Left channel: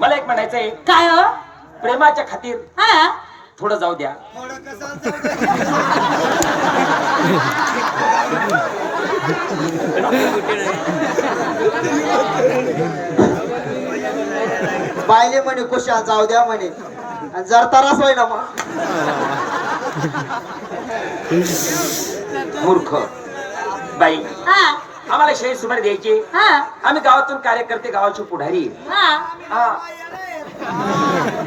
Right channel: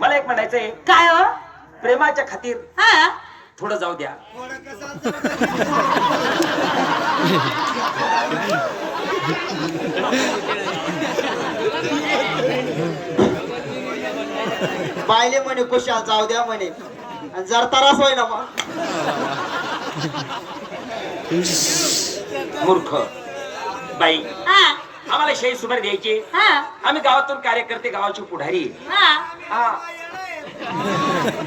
मला एक म्हणायचंय, काय हो? प्रेमाच्या खातीर हा थोडं जाऊ द्या. बायले म्हणे कुशा जाऊ द्या म्हणे, आणि जर तरास होय ना मग. मूर्ख बाई, हा आम्हाला शाही सुपारी द्यायची. हा आम्ही गावातून कार्यकर्ते, गावाची पुढारी. हा हा.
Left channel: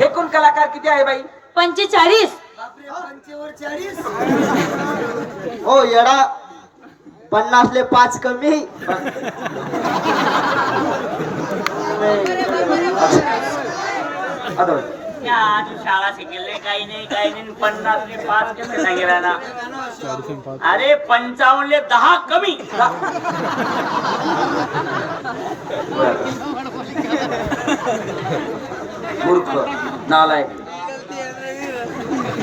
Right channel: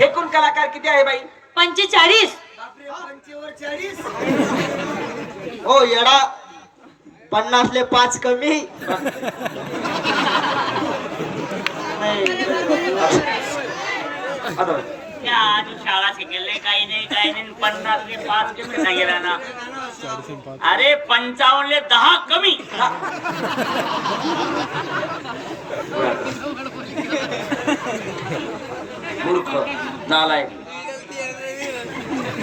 एकूण कलाकार किती आहे बाई? 45. हो येडा, 50ले 5 कमी. आता तू शाळा शिकले काही नाही 50ले 5 कमी नाही गेला ना. अरे 55ले 10 कमी. मूर्ख नालायक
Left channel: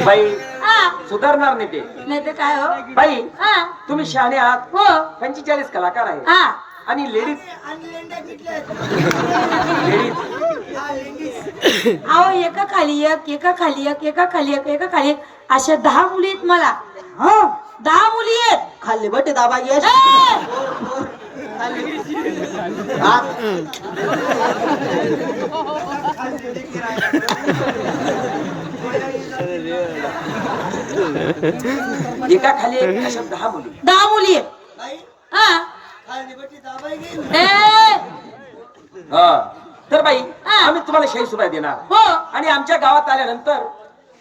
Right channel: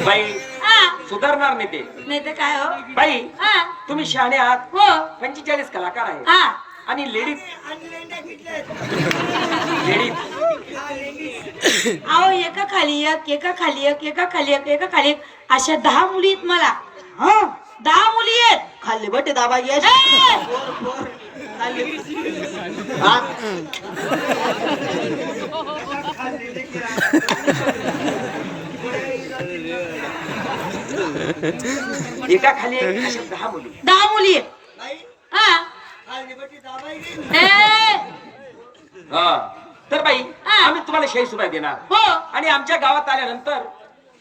बाई, हा सुधारणार नाही ते. नाही तर काय हो? बाई, हा तुम्ही शहाणे आहात. हो 45 कलाकार आहे. हा आणि लेडीज अहो एका खाली एक, एका खाली एक, एका खाली एक, एका खाली एक, अशा 10 मुली आहेत मला. हा 10 मुली आहेत. खाल्ली बटे दाबा घ्या. ए! एका खाली एक, अशा 10 मुली. 10 मुली आहेत. हा ए! हा. तर बाई, हा. आम्ही तुम्हाला शाही सुपारी देणार. हो आणि आमच्या गावात आल्यानंतर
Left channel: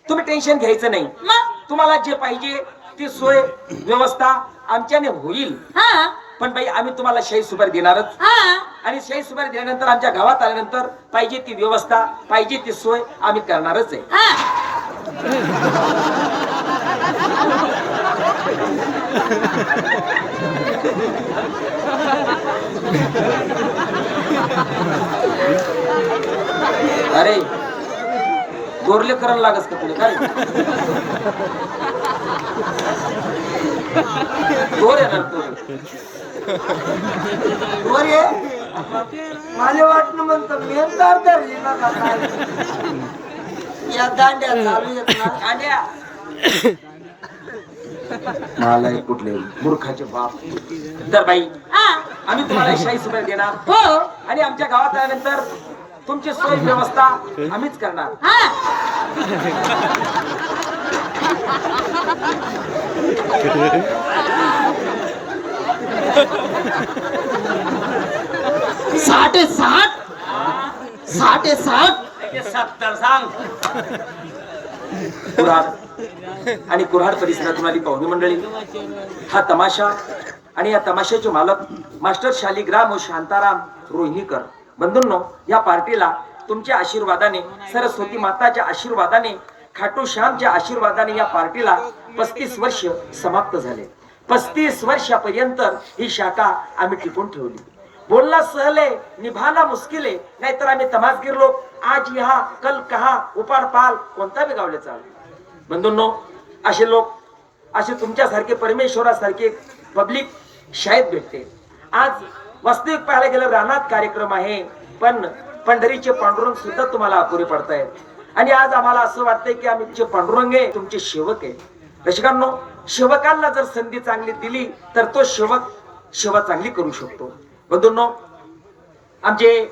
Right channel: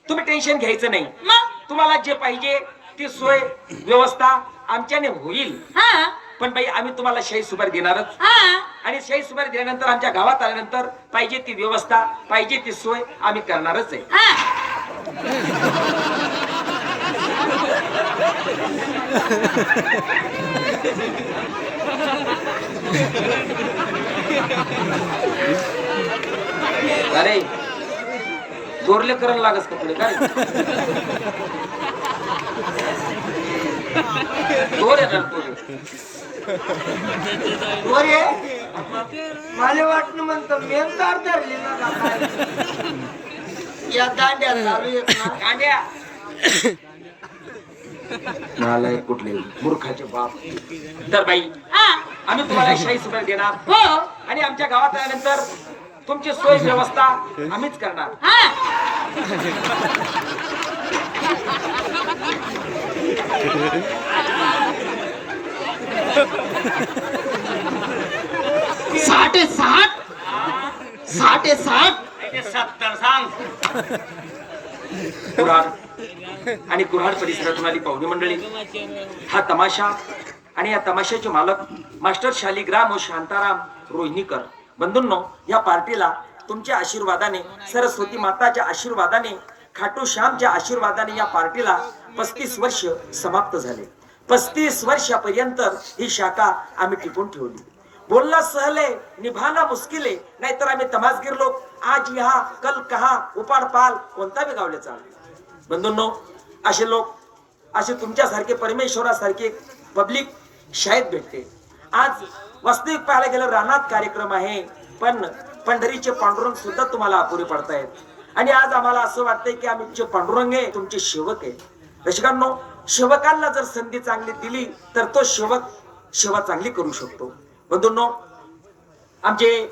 तुम्ही टेन्शन घ्यायचं नाही. मग तुम्हाला जे पाहिजे ती सोय व्यवस्था आमच्याने होईल. हा पण बाई, आम्ही तुम्हाला शाही सुपारी देणारच. हा आणि शाही सुपारी दिल्यानंतर आमच्या गावात आल्यानंतर पाहिजे ती व्यवस्था, पाहिजे ती सोय आम्ही करणारच आहे. हा अरे गोरले करायला लागस का तुला काय? गोर आहे ना तू. मला वाटलं म्हणतो मेलदार धरली ना या दांड्या चालू आहेत ना. कांड्या. नालायक कुठले, मूर्खाचे बाप. तर बाई, हा आम्ही तुम्हाला शाही सुपारी देणार. हो आणि आमच्या गावात आल्यानंतर तुमची सोय व्यवस्था आम्हीच करणार. हा साठे साठ 70 सांग. कुऱ्हाड आणि कुऱ्हाड परिसरातून आली पाहुणी मंडळी. हा तमाशा आणि या तमाशाचे मालक मास्टर शालिग्राम व शांताराम रोहिणीकर. बंधूंनो, या पार्टीला तुमच्या आशीर्वादाने, सरस्वती माताच्या आशीर्वादाने, खाटू श्यामच्या आशीर्वादाने या पार्टीला 35 वर्ष समाप्त झाले. 35 वर्षापर्यंत ही शाखा आम्ही टिकून ठेवली. बोलना सहले निभाना मुश्किले, नाहीतर आम्ही तमासगीर लोक आज यहाँ कल कहा, उपाड पाल कोणता बी गावले चाल. बंधूंनो, असे लोक, असे तुमच्यासारखे परमेश्वरासारखे पब्लिक शाळेत भेटते. आज वास्तविक पाहायला गेलं रानात कार्यक्रम आहे, पण पंढरीचे पांडुरंग सुद्धा तुम्हाला अपुरे पडतायत. आणि आज आम्हाला असं वाटतंय की आमचे पांडुरंग आहे, तुमचे सेवक आहे. रसिकांनो, सेवकांना जर संधी चांगली दिली तर तो सेवक सेवा चांगली करू शकतो. बंधूंनो, आमचे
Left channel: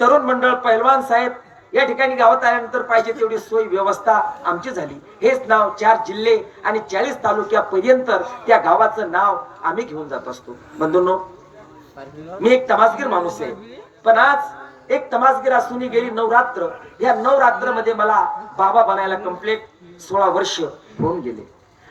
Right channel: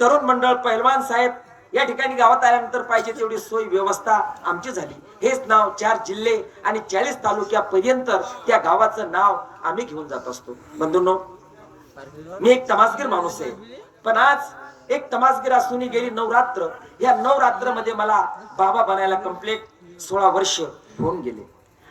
तरुण मंडळ पहिलवान साहेब या ठिकाणी गावात आल्यानंतर पाहिजे तेवढी सोय व्यवस्था आमची झाली. हेच नाव 4 जिल्हे आणि 40 तालुक्यापर्यंत त्या गावाचं नाव आम्ही घेऊन जात असतो. बंधूंनो, मी एक तमासगीर माणूस आहे, पण आज एक तमासगीर असून गेली नवरात्र, या नवरात्रमध्ये मला बाबा बनायला कंप्लीट 16 वर्ष होऊन गेले.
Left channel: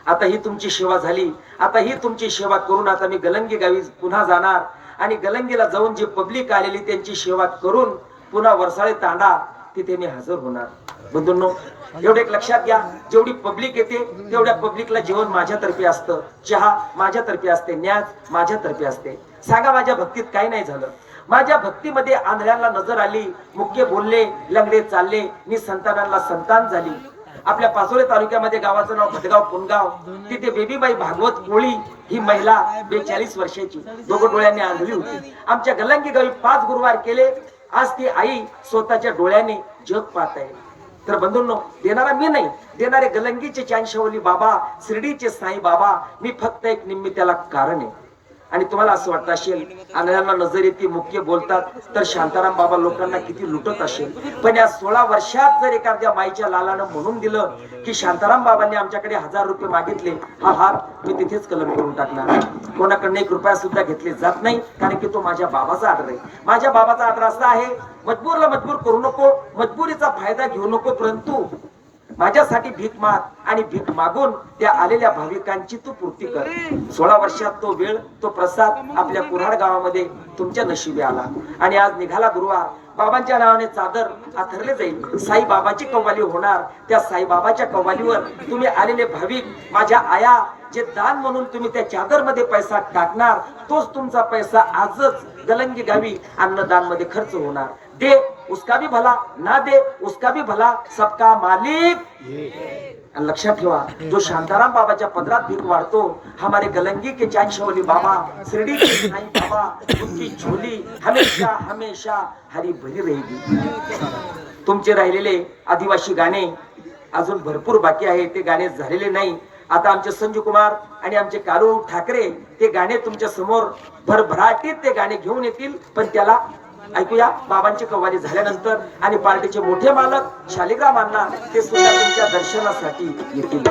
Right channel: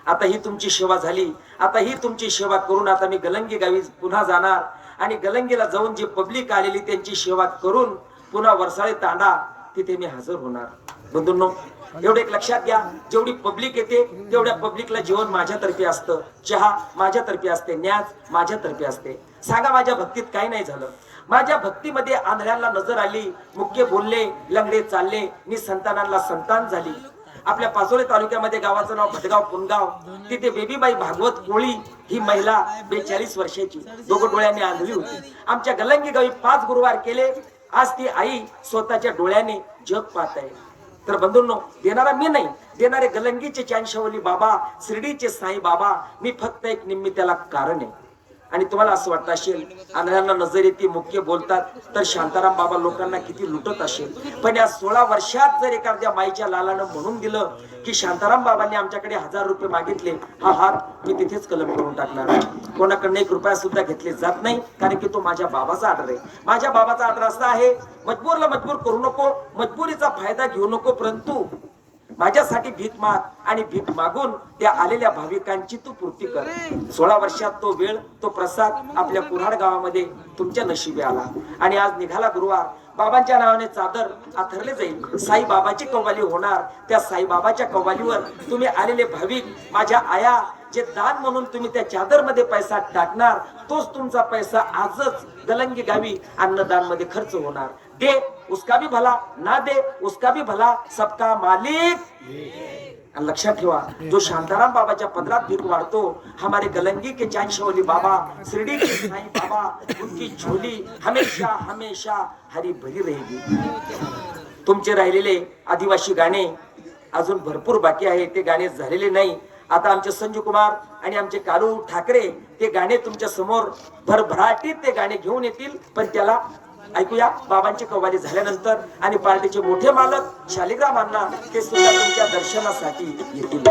आता ही तुमची सेवा झाली. आता ही तुमची सेवा करून आता मी गलंगी गावी पुन्हा जाणार आणि गलंगीला जाऊन जी पब्लिक आलेली त्यांची सेवा करून पुन्हा वरसाळे तांडा तिथे मी हजर होणार. बंधूंनो, एवढे एक लक्षात घ्या, जेवढी पब्लिक येते तेवढ्या पब्लिकला जेवण माझ्यातर्फे असतं, चहा माझ्यातर्फे असते, न्याज माझ्यातर्फे असते. सांगा, माझ्या भक्तीत काही नाही झालं? माझ्या भक्तीमध्ये आंधळ्यांना नजर आली, मुक्के बोलले, लंगडे चालले, नि संतानांना संतान झाली. आपल्या पाचोळे तालुक्यामध्ये गावाचं नाव भटगाव पुनगाव, तिथे बेबीबाई भागवत कोळी ही महिला 42 वर्षाची, दोघं डोळ्यांनी आंधळी होती. आमच्या गलंगी गावी 5 गुरुवार केले आज ती आई स्वतःच्या डोळ्याने जग पाहत आहे. तर बंधूंनो, देणारा मी नाही, देणारे गलंगीचे चांशवली बाबा, शिर्डीचे साई बाबा, मी फक्त एक निम्मी त्याला कारण आहे. आणि तुम्हाला असं वाटत असेल, आंधळ्यांना नजर येते, मुख्य बोलतात, तर शांताराम बाबा लोकांना किती लुटत असेल. पण या 16 वर्षात जर एखाद्या माईच्या लालानं म्हणून दिलं की शांताराम बाबांनी आमच्याकडे 1000 रुपये मागितले, हा हार मी तिथेच कलम करून टाकणार. कोणाकडनं 1 रुपया सुद्धा घेतले जात नाही, कारण की तो माझ्या बाबाचा आदर आहे. माझ्या बाबाचा आदर असा आहे, मजबूरला मजबूर करू नको, मजबुरीचा फायदा घेऊ नको, परंतु माझ्यासाठी भीक माग आणि भीक मागून त्या आलेल्या भाविकांची तू पूर्ती कर. 16 वर्षात तो वेळ, तो प्रसाद आपल्या कुऱ्हाड गावामध्ये तुमच्या नशिबी आला. आणि आज निघाला गुरुवार, बाबांच्या नावाने चादर आथरले जाईल, साई बाबाची कव्वाली होणार. त्या साई बाबाच्या कव्वालीवर तुम्ही आलेले भाविक, माझ्या आया, जे दान म्हणून तुम्ही त्या चादर मध्ये पैसा टाकणार, तोच तुमचा पैसा आजच गलंगी गावी अन्नदान मध्ये खर्च होणार. दे उसका भी भला, ना दे उसका भी भला, सबका मालिक. आणि लक्षात ठेवा, जो शांताराम बाबाच्या पदरात भीक वाढतो, हमारे गलंगी के चांशवली बाबा, शिर्डी के साईं बाबा, उनकी झोली हमेशा हमेशा हरी भरी रहेगी. तुमचे राहिलेले आदिवासी गाणे अजून भरपूर बाकी आहे, ते गाणे झालेले नाही. आता आमचे संजू कुमार आणि आमचे कालू ठाकरे ते गाणे तुमच्या समोर भरभराटीत ते गाणे घेऊन येतील. पण त्याला ऐकूया बाबांची कव्वाली झाल्यानंतर. आणि पार्टीचे मोठे मालक शालिग्राम अण्णा ते सुद्धा तुमच्या दर्शनासाठी येतील.